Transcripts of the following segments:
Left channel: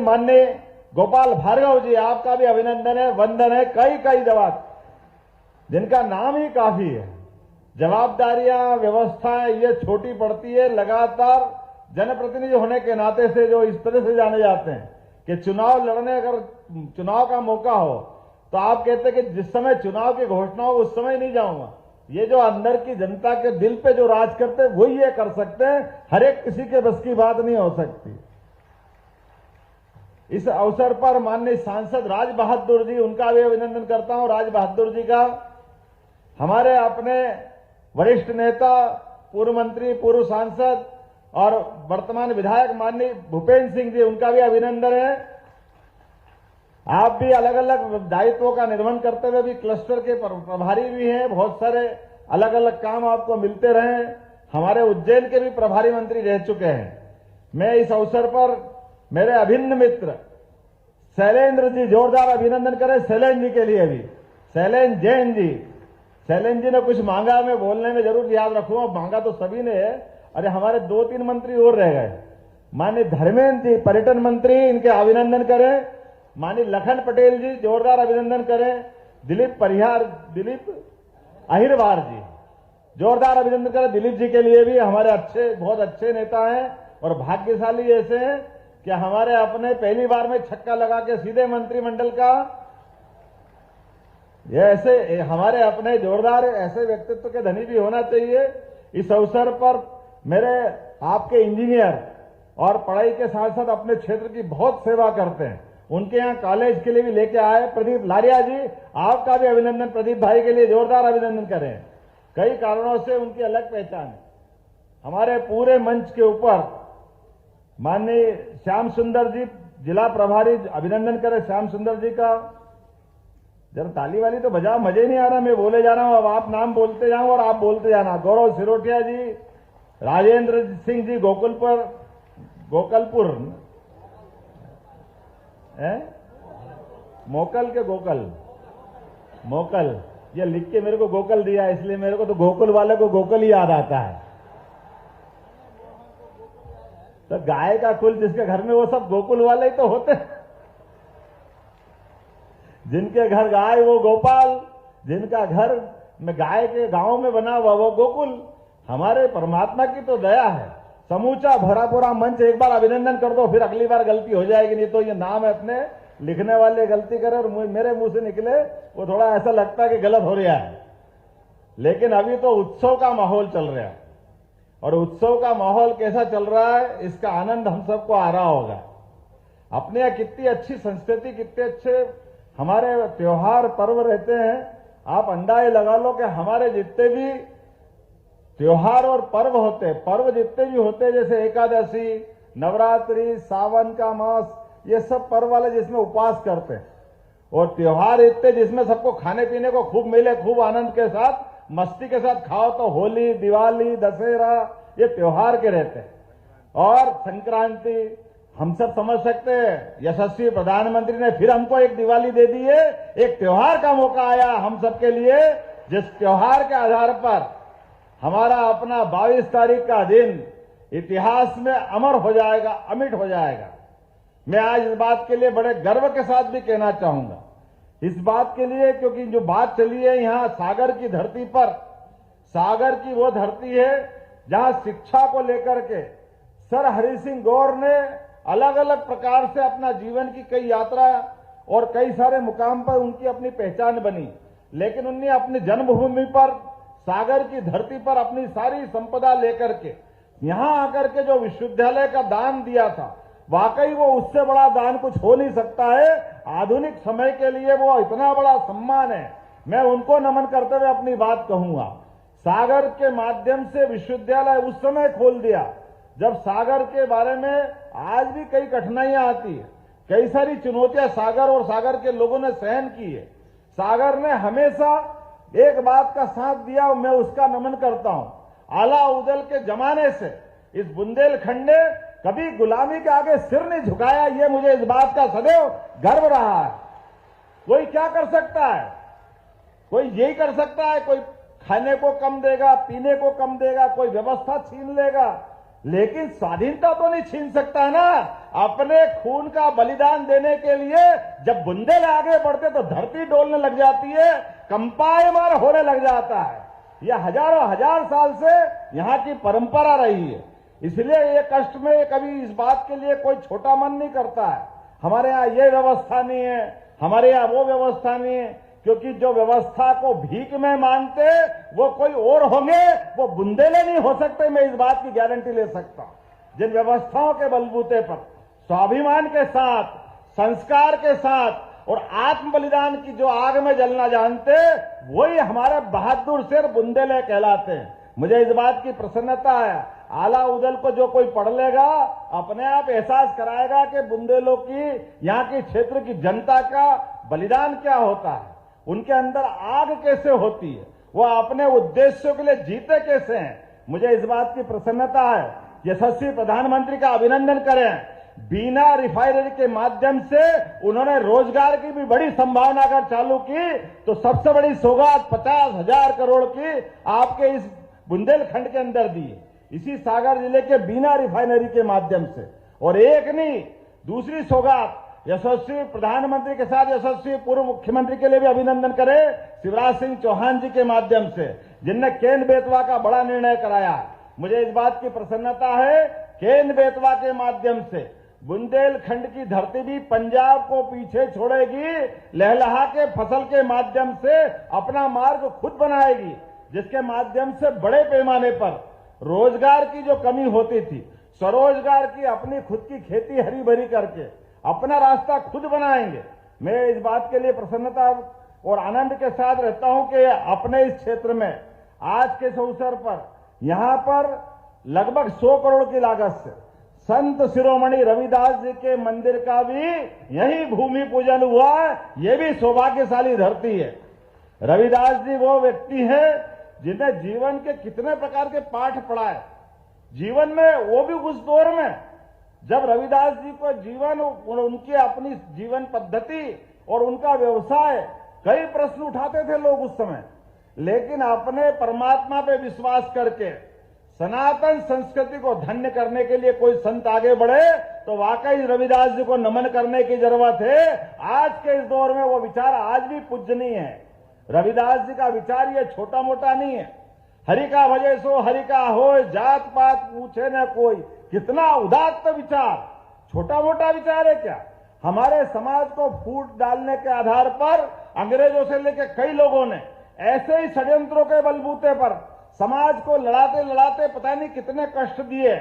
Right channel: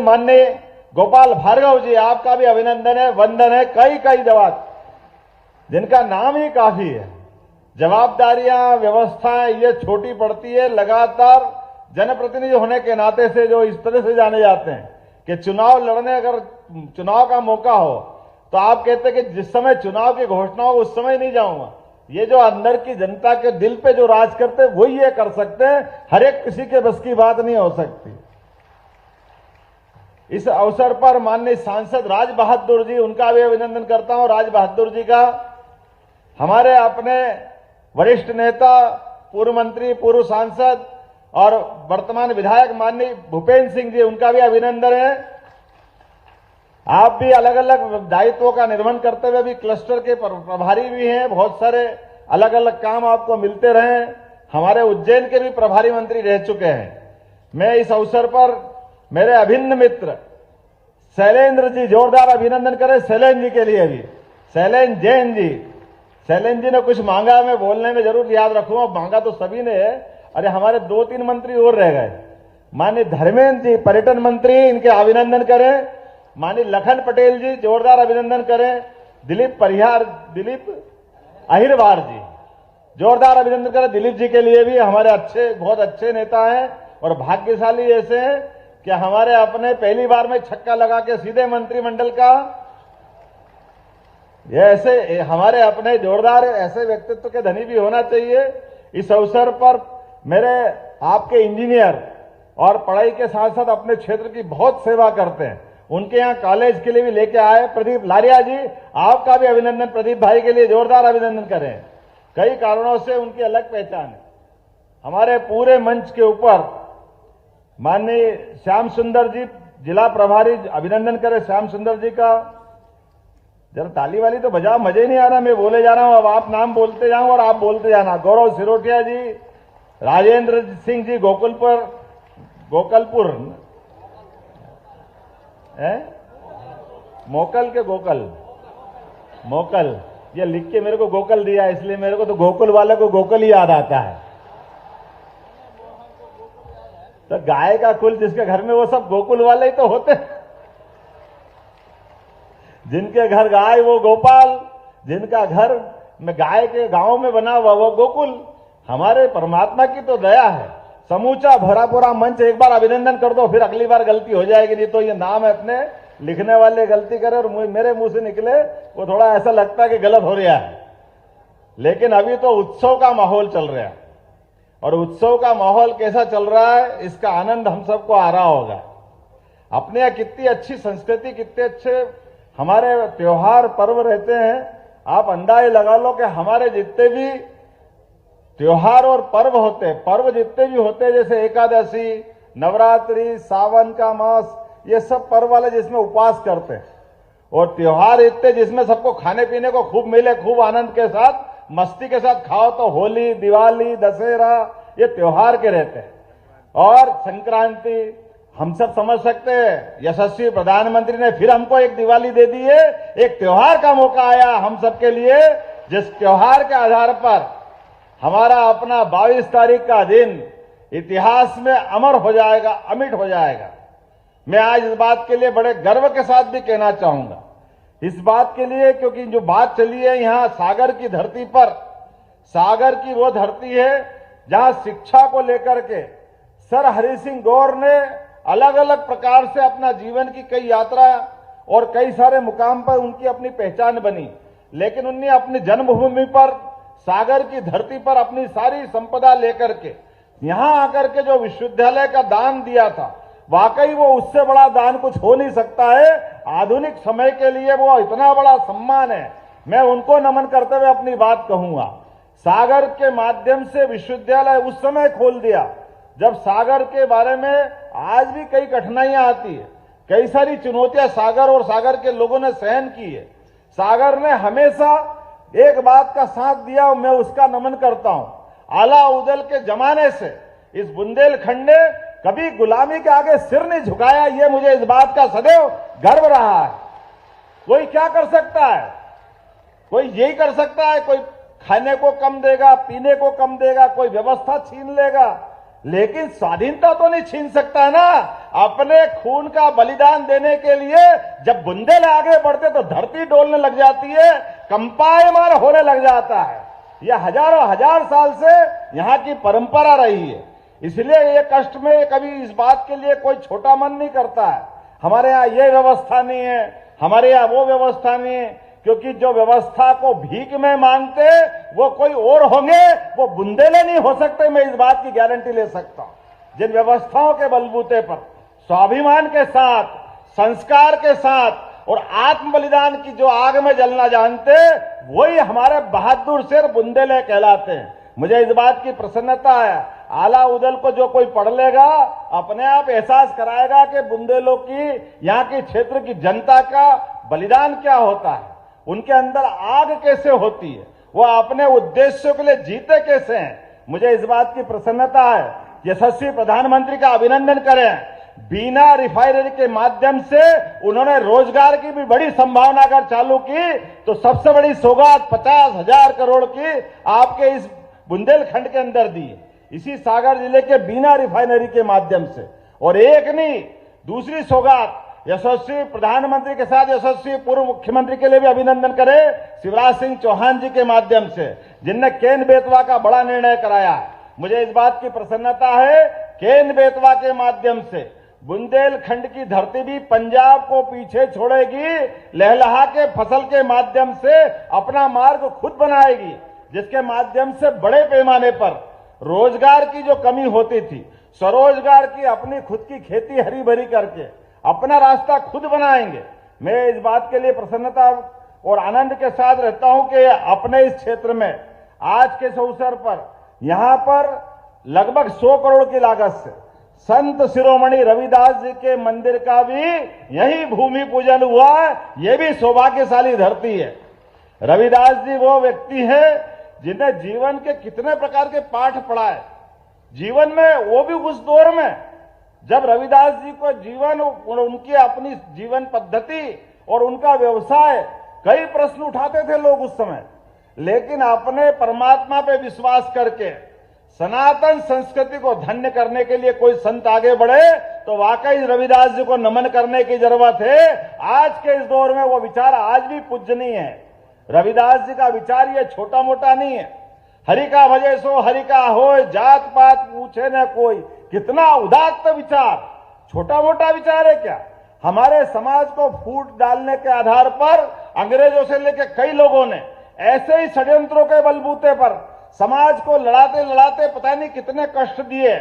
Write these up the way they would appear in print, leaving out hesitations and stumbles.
माननीय गोपाल भार्गव जी, आपका भी अभिनंदन है, वंदन है। कई जवाब जिनका नाम ही काफी है। जवाबदारियां, व्यवस्थाएं ये छोटी पड़ती है। लगातार जनप्रतिनिधि होने के नाते से जो इस तरह से जाने जाते हैं कि चुनाव लड़ने, अगर चुनाव का मौका हो तो आप कहते हैं कि जिस समय चुनाव की घोषणा हो उस समय नहीं जाऊंगा। ये जो अंदर की जनता के दिल पे जो राज करते हैं वही ये कर सकते हैं। हर एक किसी के बस की बात नहीं हो सकती। इस अवसर पर माननीय सांसद राज बहादुर जी, उनका भी अभिनंदन करता हूं। राज बहादुर जी का, हमारे अपने वरिष्ठ नेता, पूर्व मंत्री, पूर्व सांसद और वर्तमान विधायक माननीय भूपेंद्र सिंह जी, उनका भी अभिनंदन है। आप भी अलग अलग दायित्वों का निर्वहन करते हुए भी क्लस्टर के प्रभारी भी हैं। बहुत सारे अलग अलग काम आपको मिलते रहे। हमारे उज्जैन के भी प्रभारी मंत्री रह चुके हैं। मैं इस अवसर पर मेरे अभिन्न मित्र शैलेंद्र जी, जोरदार अभिनंदन करें शैलेंद्र जी के लिए भी। शैलेंद्र जैन जी, शैलेंद्र जी ने कुछ मांगा, मैं बोलने में जरूर याद रखूंगा। मांगा तो सभी ने है। अरे हमारे 2-3 मंत्री और रह गए। माननीय धर्मेंद्र जी, पर्यटन मंत्री, इनके अभिनंदन करें। माननीय लखन पटेल जी, जोरदार अभिनंदन करें। दिलीप अहिरवार जी, जोरदार अभिनंदन करें दिलीप जी के लिए भी। हमारे अच्छे, बहुत अच्छे नेता हैं और भाग्यशाली ऐसे हैं कि हमारे अपने पहली बार में छक्का लगा के सीधे मंत्रिमंडल का, ये ऐसे हमारे अपने जोरदार ऐसे व्यक्तित्व के धनी भी होना चाहिए। इस अवसर पर मेरे आपके इंजीनियर और पढ़ाई के साथ साथ अपने क्षेत्र की बहुत सेवा करते हैं, उनके यहाँ कॉलेज के लिए भी लेके आए प्रदीप लारिया जी, आपका भी अभिनंदन। प्रदीप भाई के लिए जोरदार अभिनंदन करें। कई कारणों से उनकी अलग पहचान है। हमारे पूरे मंच के ऊपर माननीय श्याम सुंदर जी, जिला प्रभारी, अभिनंदन करें श्याम सुंदर जी का। जरा ताली वाली तो बजाओ, मजे नहीं आ रहा। मैं बोले जा रहा हूं, अब आप नाम बोलते जाओ और आप बोलते जाना। गौरव सिरोठिया जी, राजेंद्र सिंह जी, गोकलपुर है, मोकल, ये लिख के मेरे को गोकल दिया, इसलिए मेरे को तो गोकुल वाले को गोकल ही याद आता है। तो गाय का कुल जिसके घर में, वो सब गोकुल वाले ही तो होते हैं। जिनके घर गाय वो गोपाल, जिनका घर में गाय के गांव में बना हुआ वो गोकुल। हमारे परमात्मा की तो दया है। समूचा भरा पूरा मंच एक बार अभिनंदन कर दो, फिर अगली बार गलती हो जाएगी। नहीं तो ये नाम अपने लिखने वाले गलती करे और मेरे मुंह से निकले, वो थोड़ा ऐसा लगता है कि गलत हो रहा है। लेकिन अभी तो उत्सव का माहौल चल रहा है, और उत्सव का माहौल कैसा चल रहा है इसका आनंद हम सबको आ रहा होगा। अपने यहाँ कितनी अच्छी संस्कृति, कितने अच्छे हमारे त्योहार पर्व रहते हैं। आप अंदाजे लगा लो कि हमारे जितने भी त्योहार और पर्व होते हैं, पर्व जितने भी होते हैं, जैसे एकादशी, नवरात्रि, सावन का मास, ये सब पर्व वाले जिसमें उपवास करते हैं, और त्योहार इतने जिसमें सबको खाने पीने को खूब मिले, खूब आनंद के साथ, मस्ती के साथ खाओ, तो होली, दिवाली, दशहरा, ये त्योहार के रहते हैं। और संक्रांति, हम सब समझ सकते हैं, यशस्वी प्रधानमंत्री ने फिर हमको एक दिवाली दे दी है। एक त्योहार का मौका आया हम सबके लिए, जिस त्योहार के आधार पर हमारा अपना 22 तारीख का दिन इतिहास में अमर हो जाएगा, अमिट हो जाएगा। मैं आज इस बात के लिए बड़े गर्व के साथ भी कहना चाहूंगा, इस बात के लिए क्योंकि जो बात चली है यहाँ सागर की धरती पर, सागर की वो धरती है जहां शिक्षा को लेकर के सर हरि सिंह गौर ने अलग अलग प्रकार से अपना जीवन की कई यात्रा और कई सारे मुकाम पर उनकी अपनी पहचान बनी। लेकिन उन्हें अपनी जन्मभूमि पर, सागर की धरती पर अपनी सारी संपदा लेकर के यहां आकर के जो विश्वविद्यालय का दान दिया था, वाकई वो उससे बड़ा दान कुछ हो नहीं सकता है। आधुनिक समय के लिए वो इतना बड़ा सम्मान है। मैं उनको नमन करते हुए अपनी बात कहूंगा। सागर के माध्यम से विश्वविद्यालय उस समय खोल दिया जब सागर के बारे में आज भी कई कठिनाइयां आती है, कई सारी चुनौतियां सागर और सागर के लोगों ने सहन की है। सागर ने हमेशा एक बात का साथ दिया, मैं उसका नमन करता हूं। आला उदल के जमाने से इस बुंदेलखंड ने कभी गुलामी के आगे सिर नहीं झुकाया। ये मुझे इस बात का सदैव गर्व रहा है। कोई क्या कर सकता है? कोई यही कर सकता है, कोई खाने को कम देगा, पीने को कम देगा, कोई व्यवस्था छीन लेगा। लेकिन स्वाधीनता तो नहीं छीन सकता ना। अपने खून का बलिदान देने के लिए जब बुंदेल आगे बढ़ते तो धरती डोलने लग जाती है, कंपायमान होने लग जाता है। यह हजारों हजार साल से यहाँ की परंपरा रही है। इसलिए ये कष्ट में कभी इस बात के लिए कोई छोटा मन नहीं करता है। हमारे यहाँ ये व्यवस्था नहीं है, हमारे यहाँ वो व्यवस्था नहीं है, क्योंकि जो व्यवस्था को भीख में मांगते वो कोई और होंगे, वो बुंदेले नहीं हो सकते। मैं इस बात की गारंटी ले सकता हूं। जिन व्यवस्थाओं के बलबूते पर स्वाभिमान के साथ, संस्कार के साथ और आत्म बलिदान की जो आग में जलना जानते, वही हमारे बहादुर शेर बुंदेले कहलाते हैं। मुझे इस बात की प्रसन्नता है, आला उदल को जो कोई पढ़ लेगा अपने आप एहसास कराएगा कि बुंदेलों की, यहाँ की क्षेत्र की जनता का बलिदान क्या होता है, उनके अंदर आग कैसे होती है, वो अपने उद्देश्यों के लिए जीते कैसे हैं। मुझे इस बात की प्रसन्नता है। यशस्वी प्रधानमंत्री का अभिनंदन करें। बीना रिफाइनरी के माध्यम से उन्होंने रोजगार की भी बड़ी संभावना अगर चालू की तो सबसे बड़ी सौगात 50,000 करोड़ की आपके इस बुंदेलखंड के अंदर दी है, इसी सागर जिले के बीना रिफाइनरी के माध्यम से। और एक नहीं, दूसरी सौगात यशस्वी प्रधानमंत्री के साथ यशस्वी पूर्व मुख्यमंत्री के लिए भी अभिनंदन करें, शिवराज सिंह चौहान जी के माध्यम से, जिनने केन बेतवा का बड़ा निर्णय कराया। मुझे इस बात की प्रसन्नता है, केन बेतवा के माध्यम से बुंदेलखंड की धरती भी पंजाब को पीछे छोड़ेगी, लहलहा के फसल के माध्यम से अपना मार्ग खुद बनाएगी, जिसके माध्यम से बड़े पैमाने पर रोजगार की जो कमी होती थी, स्वरोजगार की अपनी खुद की खेती हरी भरी करके अपना रास्ता खुद बनाएंगे। मैं इस बात के लिए प्रसन्नता और आनंद के साथ रहता हूं कि अपने इस क्षेत्र में आज के अवसर पर यहां पर लगभग 100 करोड़ की लागत से संत शिरोमणि रविदास जी के मंदिर का भी यही भूमि पूजन हुआ। ये भी सौभाग्यशाली धरती है। रविदास जी वो व्यक्ति है जिन्हें जीवन के कितने प्रकार के पाठ पढ़ाए जीवन में, वो भी उस दौर में जब रविदास जी को जीवन, उनकी अपनी जीवन पद्धति और उनका व्यवसाय, कई प्रश्न उठाते थे लोग उस समय, लेकिन अपने परमात्मा पे विश्वास करके सनातन संस्कृति को धन्य करने के लिए कोई संत आगे बढ़े तो वाकई रविदास जी को नमन करने की जरूरत है। आज के इस दौर में वो विचार आज भी पूजनीय है। रविदास जी का विचार ये छोटा मोटा नहीं है। हरि का भजे सो हरि का होय, जात पात पूछे न कोई, कितना उदात्त विचार, छोटा मोटा विचार है क्या। हमारे समाज को फूट डालने के आधार पर अंग्रेजों से लेकर कई लोगों ने ऐसे ही षड्यंत्रों के बलबूते पर समाज को लड़ाते लड़ाते पता नहीं कितने कष्ट दिए।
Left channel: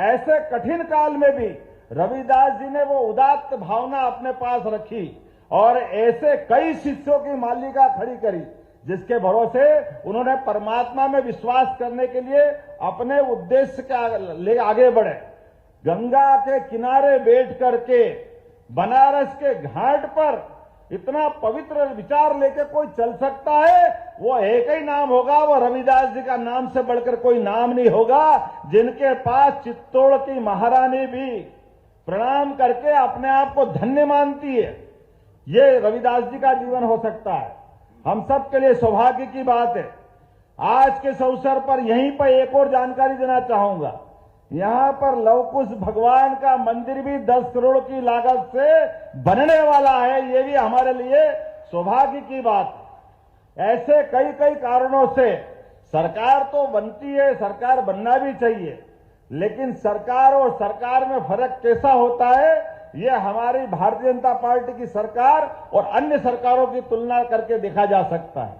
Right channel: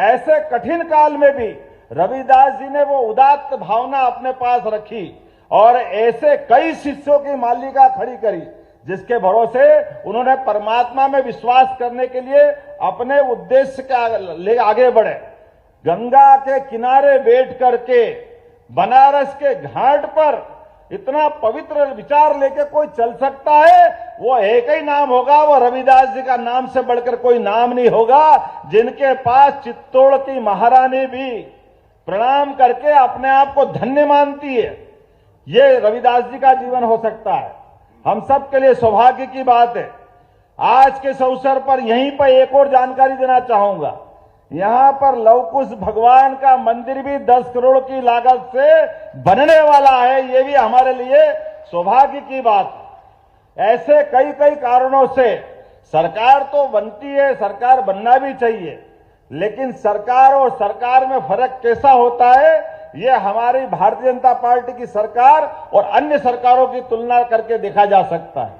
ऐसे कठिन काल में भी रविदास जी ने वो उदात्त भावना अपने पास रखी और ऐसे कई शिष्यों की मालिका खड़ी करी, जिसके भरोसे उन्होंने परमात्मा में विश्वास करने के लिए अपने उद्देश्य के ले आगे बढ़े। गंगा के किनारे बैठ करके बनारस के घाट पर इतना पवित्र विचार लेके कोई चल सकता है, वो एक ही नाम होगा, वो रविदास जी का नाम से बढ़कर कोई नाम नहीं होगा, जिनके पास चित्तौड़ की महारानी भी प्रणाम करके अपने आप को धन्य मानती है। ये रविदास जी का जीवन हो सकता है। हम सब के लिए सौभाग्य की बात है। आज के इस अवसर पर यहीं पर एक और जानकारी देना चाहूंगा। यहां पर लवकुश भगवान का मंदिर भी 10 करोड़ की लागत से बनने वाला है। ये भी हमारे लिए सौभाग्य की बात है। ऐसे कई कई कारणों से सरकार तो बनती है, सरकार बनना भी चाहिए, लेकिन सरकार और सरकार में फर्क कैसा होता है, ये हमारी भारतीय जनता पार्टी की सरकार और अन्य सरकारों की तुलना करके देखा जा सकता है।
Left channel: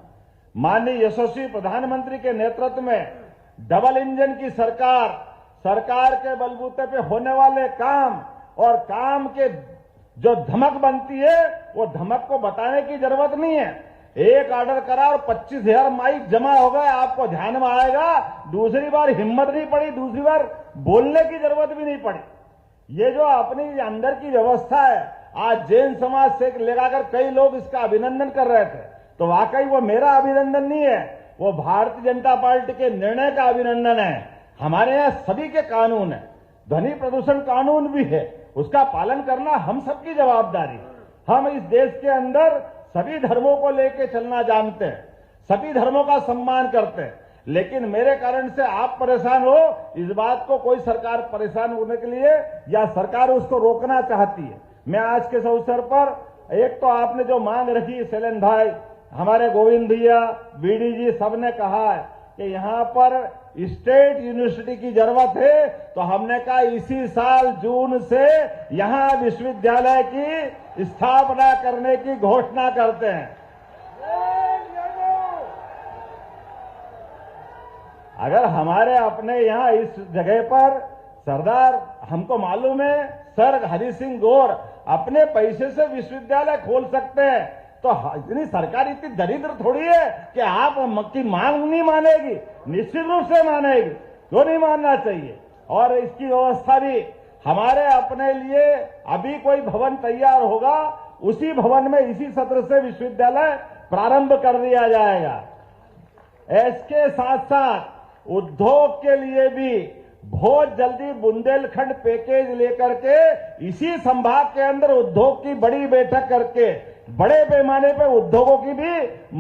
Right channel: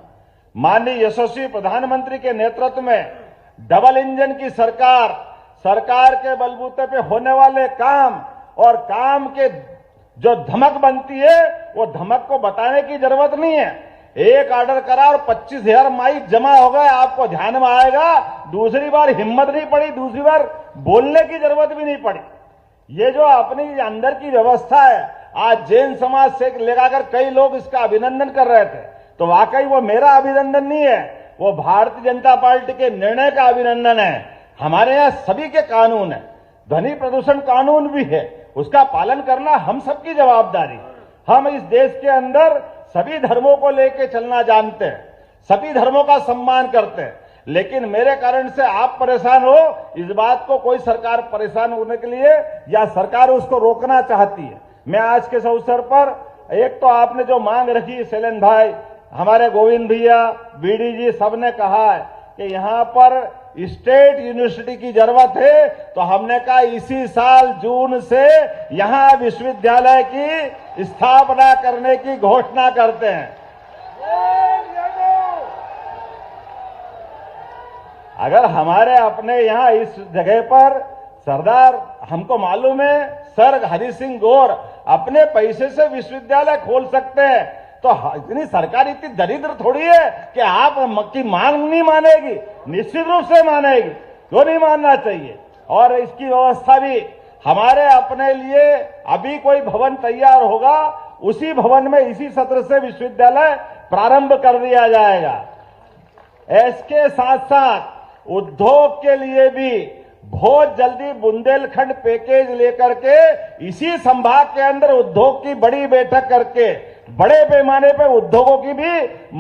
माननीय यशस्वी प्रधानमंत्री के नेतृत्व में डबल इंजन की सरकार के बलबूते पे होने वाले काम और काम के जो धमक बनती है, वो धमक को बताने की जरूरत नहीं है। एक ऑर्डर करा और 25,000 माइक जमा हो गए, आपको ध्यान में आएगा। दूसरी बार हिम्मत नहीं पड़ी, दूसरी बार बोलने की जरूरत भी नहीं पड़ी। ये जो अपनी अंदर की व्यवस्था है, आज जैन समाज से लेकर कई लोग इसका अभिनंदन कर रहे थे, तो वाकई वो मेरा अभिनंदन नहीं है, वो भारतीय जनता पार्टी के निर्णय का अभिनंदन है। हमारे यहाँ सभी के कानून है, ध्वनि प्रदूषण कानून भी है, उसका पालन करना हम सबकी जवाबदारी। हम इस देश के अंदर सभी धर्मों को लेकर चलना जानते हैं, सभी धर्मों का सम्मान करते हैं। लेकिन मेरे कारण से आप परेशान हो, इस बात को कोई सरकार परेशान होने के लिए या सरकार उसको रोकना चाहती है। मैं आज के इस अवसर पर एक तो आपने जो मांग रखी, शैलेंद्र भाई, हमारे गोविंद भैया, बीडी जी, सबने कहा है कि यहां पर स्टेट यूनिवर्सिटी की जरूरत है, तो हमने कहा इसी साल जून से यहां विश्वविद्यालय की स्थापना करने की घोषणा करते हैं। अगर हमारे अपने यहां इस जगह पर सरदार, हमको मालूम है सर हरि सिंह गौर अपने पैसे से विश्वविद्यालय खोल सकते हैं, तो इतनी सरकार इतनी दरिद्र थोड़ी है कि आप की मांग नहीं मानेगी, निश्चित रूप से मानेगी, क्यों नहीं मानना चाहिए। और इसकी व्यवस्था भी हमारे अपने लिए अभी कोई भवन तैयार होगा, उसी भवन में इसी सत्र से विश्वविद्यालय प्रारंभ कर दिया जाएगा। इसके साथ साथ उद्योग के लिए भी बहुत जल्दी बुंदेलखंड पैकेज लेकर के इसी संभाग के अंदर उद्योग की बड़ी बैठक करके बड़े पैमाने पर उद्योगों की भी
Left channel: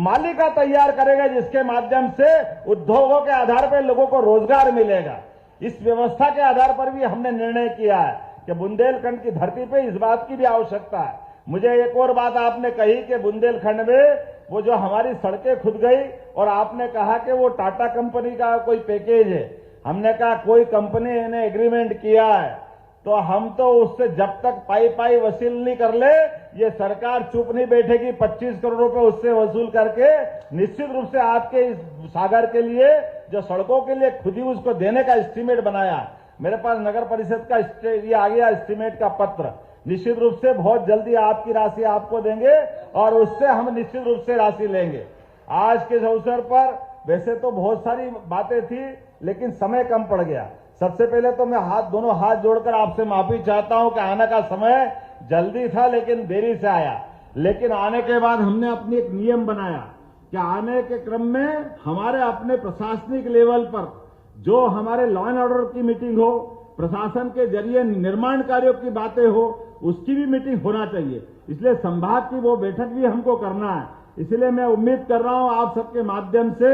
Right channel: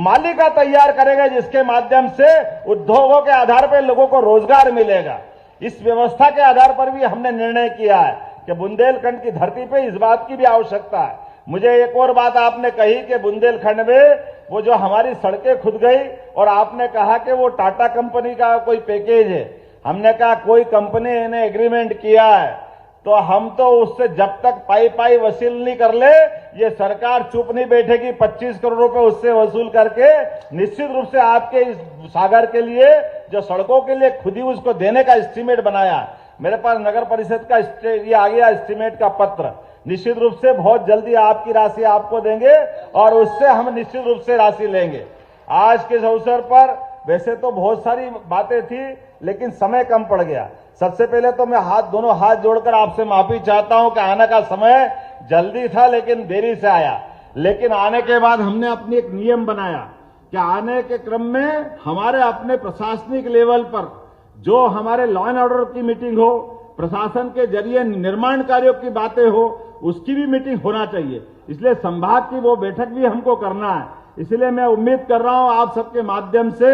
मालिका तैयार करेगा, जिसके माध्यम से उद्योगों के आधार पर लोगों को रोजगार मिलेगा। इस व्यवस्था के आधार पर भी हमने निर्णय किया है कि बुंदेलखंड की धरती पे इस बात की भी आवश्यकता है। मुझे एक और बात आपने कही कि बुंदेलखंड में वो जो हमारी सड़कें खुद गई, और आपने कहा कि वो टाटा कंपनी का कोई पैकेज है। हमने कहा कोई कंपनी ने एग्रीमेंट किया है तो हम तो उससे जब तक पाई वसूल नहीं कर ले, ये सरकार चुप नहीं बैठेगी। 25 करोड़ रुपए उससे वसूल करके निश्चित रूप से आपके इस सागर के लिए जो सड़कों के लिए खुद ही उसको देने का एस्टीमेट बनाया। मेरे पास नगर परिषद का ये आ गया एस्टीमेट का पत्र। निश्चित रूप से बहुत जल्दी आपकी राशि आपको देंगे और उससे हम निश्चित रूप से राशि लेंगे। आज के इस अवसर पर वैसे तो बहुत सारी बातें थी, लेकिन समय कम पड़ गया। सबसे पहले तो मैं दोनों हाथ जोड़कर आपसे माफी चाहता हूं कि आने का समय जल्दी था लेकिन देरी से आया। लेकिन आने के बाद हमने अपनी एक नियम बनाया कि आने के क्रम में हमारे अपने प्रशासनिक लेवल पर जो हमारे लॉ एंड ऑर्डर की मीटिंग हो, प्रशासन के जरिए निर्माण कार्यों की बातें हो, उसकी भी मीटिंग होना चाहिए। इसलिए संभाग की वो बैठक भी हमको करना है। इसलिए मैं उम्मीद कर रहा हूं आप सबके माध्यम से,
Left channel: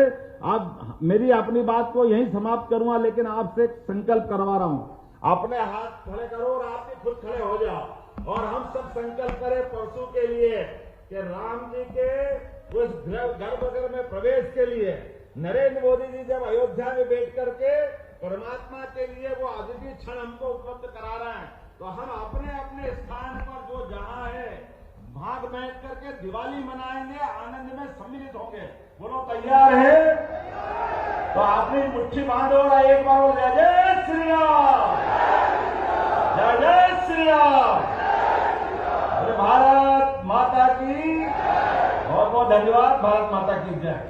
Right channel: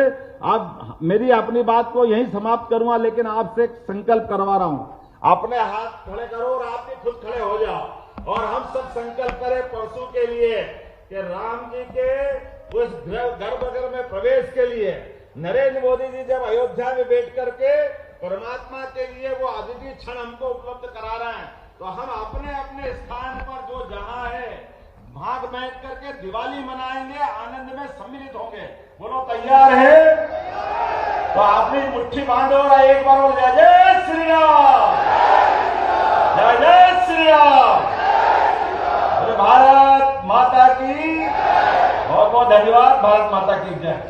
आप मेरी अपनी बात को यहीं समाप्त करूंगा, लेकिन आपसे एक संकल्प करवा रहा हूं। अपने हाथ खड़े करो और आप भी खुद खड़े हो जाओ और हम सब संकल्प करें परसों के लिए कि राम जी के उस गर्भगृह में प्रवेश के लिए नरेंद्र मोदी जी जब अयोध्या में बैठ करके परमात्मा के लिए वो अद्वितीय क्षण हमको उपलब्ध करा रहे हैं, तो हम अपने अपने स्थान पर जो जहां है वहां बैठ करके दिवाली मनाएंगे, आनंद में सम्मिलित होंगे। बोलो तैयार है? तो आपने मुट्ठी बांधो और एक बार और जय जय श्री राम, जय जय श्री राम। भारत माता की बहुत बहुत धन्यवाद। भारत माता की जय।